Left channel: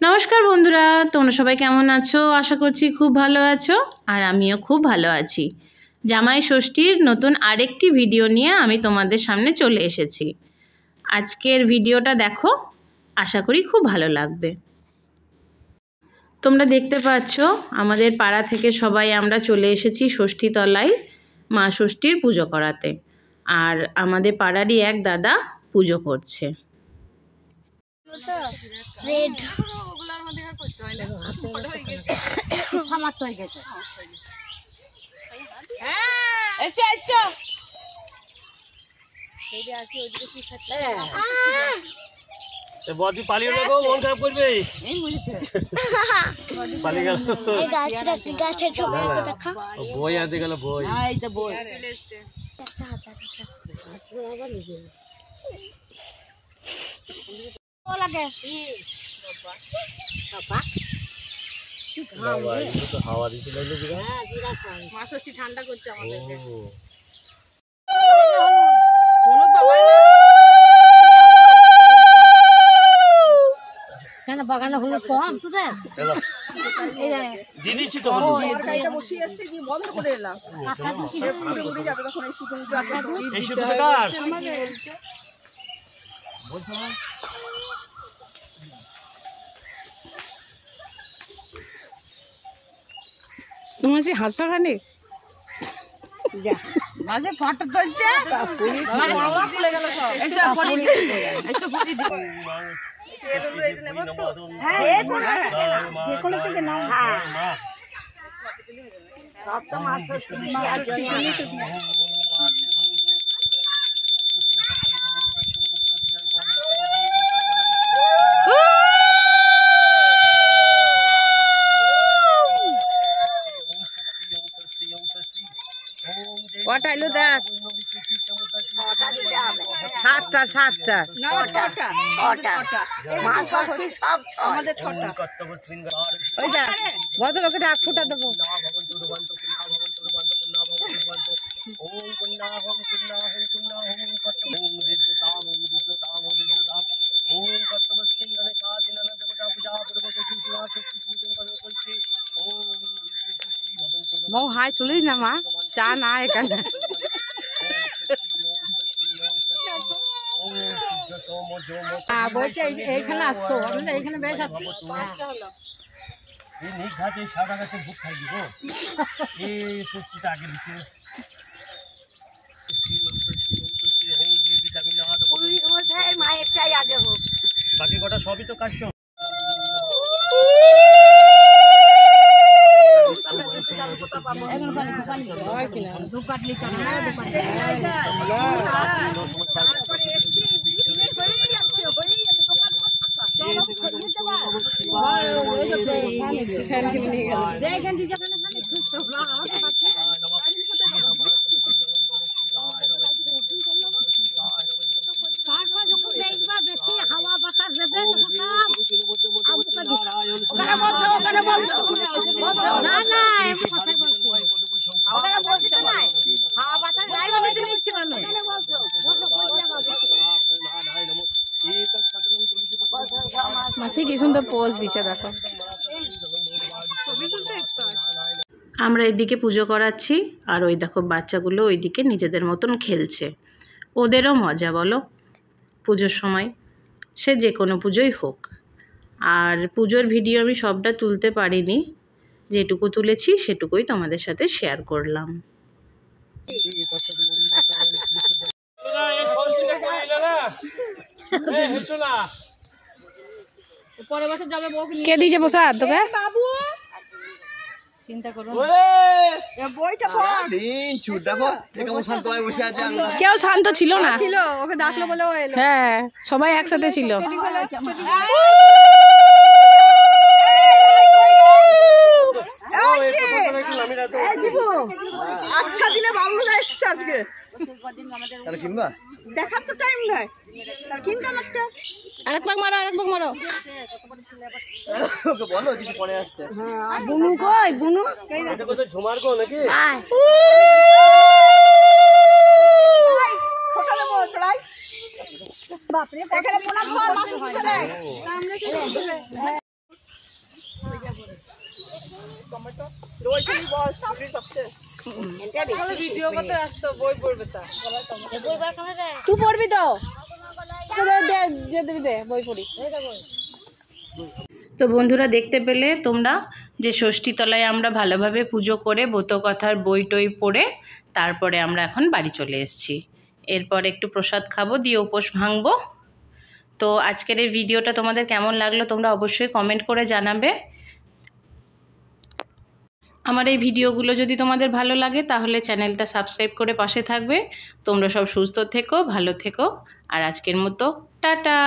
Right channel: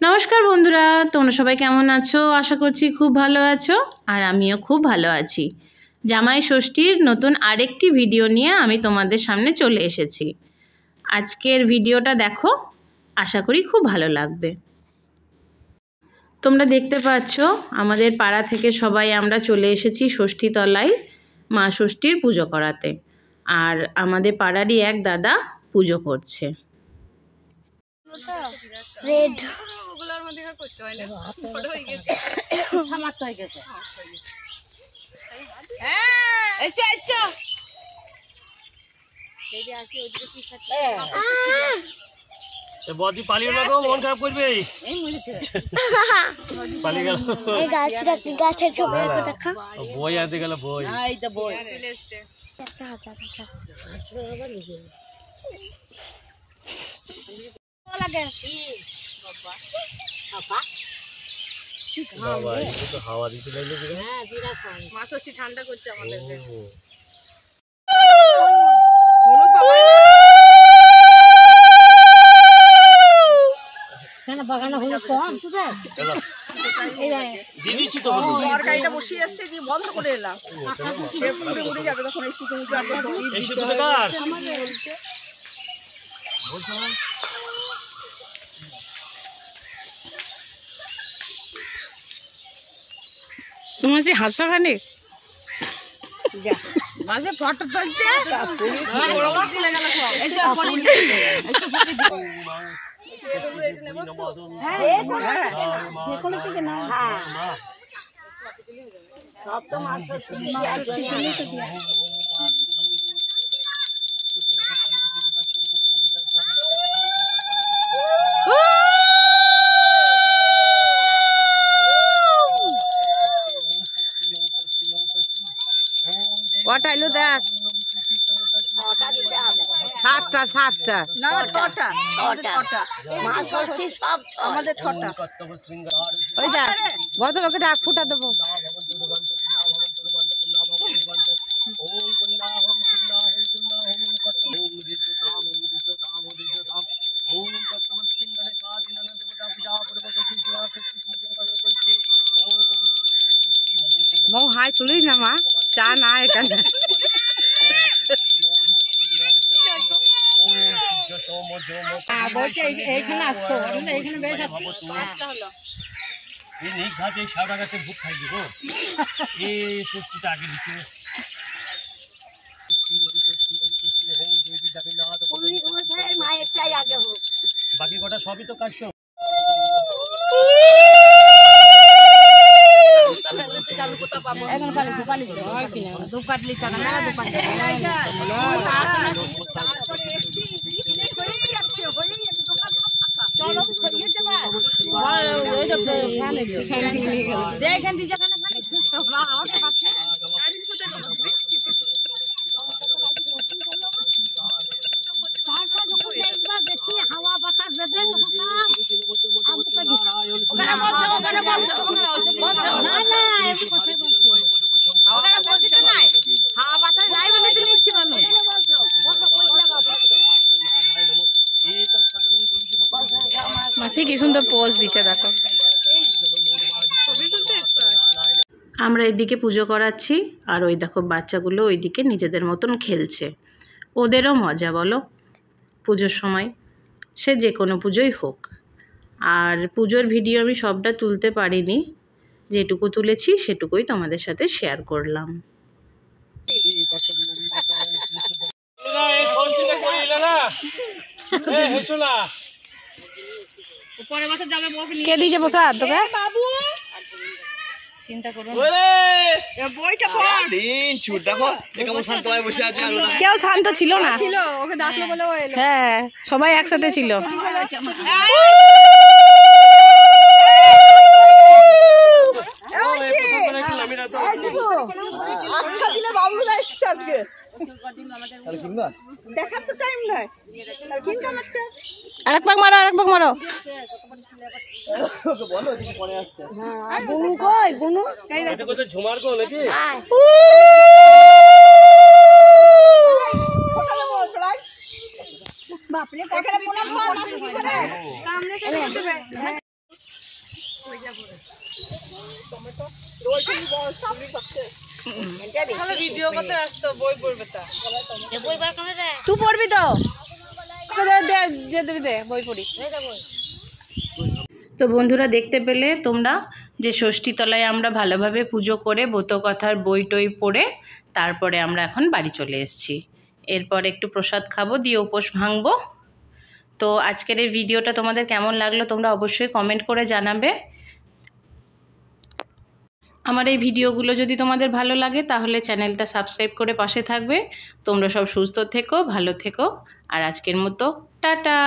নমস্কার বন্ধুরা, তোমরা সবাই কেমন আছো? আশা করছি খুব ভালো আছো, আর আমিও খুব ভালো আছি। জামাই ষষ্ঠীর নতুন আরেকটি ভিডিও নিয়ে আমি তোমাদের সামনে চলে এসেছি। আজকের ভিডিওটা দেখো, আশা করি খুব ভালো লাগবে। তোমরা দেখতে পাচ্ছ আমাদের পাড়া থেকে সবাই আমরা চলে এসেছি ষষ্ঠী তলায় মা ষষ্ঠীর পুজো করাতে। আর আমাদের পাড়ারই এক দাদা পুজো করছে। রেড বদি পালিয়ে না গো, মন খারাপ করবে। পালিয়ে গেল গাছের ছবি দেখা বই আনতে গেল। বই হাওয়া দিতে লাগলো। মা ষষ্ঠী ঠান্ডা করছে আমাদের। বাগানে হলুদ কম তোদের দিদিছি তো তরকারিটা বসিয়ে এসছে দিয়ে বন্ধ করে এলাম। উড়ে যাবে তখন এই এই শুধু বেকার তোমার যে হাসা খানে মাঝে ফটো তুলছে কটা এলো দেখ, 7টা 7টা আমাদের 6টা। ওই যা ভদ্রলোকে ডাক ফুটা দেবো। মৌ হাই তুলিস না মা, চা না এখানে। এইখানে আসছো, এইখানে বেশ আছে। 5টা হলো এই নেই ঘাটে সারা গাছে ভূত খাই দিব। এই ষষ্ঠীটা আগে দিচ্ছে। মায়েরটাই আগে হোক, বাকি কটা সবই তো কাজ। মাসি কি সুন্দর পোজ দিচ্ছে দেখো। আমরা এদিকে পুজো করাচ্ছি, আর ওই দেখো বাচ্চাগুলো ওইদিকে নিজেদের মতন খেলছে। ওদেরও মজা বলো পুজোর সময়, সে যে কোনো পুজোই হোক। আর পুজোর ভিডিও আমি সবটা তুলতে পারিনি, যেটুকু তুলেছি সেটুকুই তোমাদের সাথে শেয়ার করলাম। কে দিয়েছে প্রসাদ তোকে? বাবু চিন্তা করো না, বইটা পড় দিন ছুট দেখো কেমন শান্ত হয়ে বসে আছে। কেউ শান্ত ছিল না, ওকে ডাকলে বলে ও এলো। হ্যাঁ সবাই একসাথে ছিল। আচ্ছা দিলে বাবুরা এসছে আজকে। দেখার তো টাইম নাই, কিন্তু একটা আরেক পাক মারো, আরেক পাক মারো। ওকে বলো যে পরে আসতে। হ্যাঁ বুনু কই বুনু এটা কোথায় ঝুমার গো নাকি? বাপরে এখানে পোনা খাওয়া মাছ কি করে কামড়ে খেতে দেবে। তুই পড়বি তো দে বই পড়ি। তো বন্ধুরা দেখতে পেলে তোমরা যে ষষ্ঠী তলায় আমরা ভালোভাবে পুজো করে ব্রতকথার বই টই পড়ে তারপরে আমরা এখন বাড়ি চলে এসেছি। এরপর একটু প্রসাদ খাবো, দিয়ে উপোস ভাঙবো। তো আজকের এই ভিডিওটা তোমাদের কেমন লাগলো তোমরা অবশ্যই কমেন্ট করে জানাবে। আমার এই ভিডিওগুলো যদি তোমাদের ভালো লাগে তাহলে চ্যানেলটা সাবস্ক্রাইব করে পাশে থাকবে। তোমরা সব সুস্থ থেকো, ভালো থেকো। আর আজকের মতো টাটা।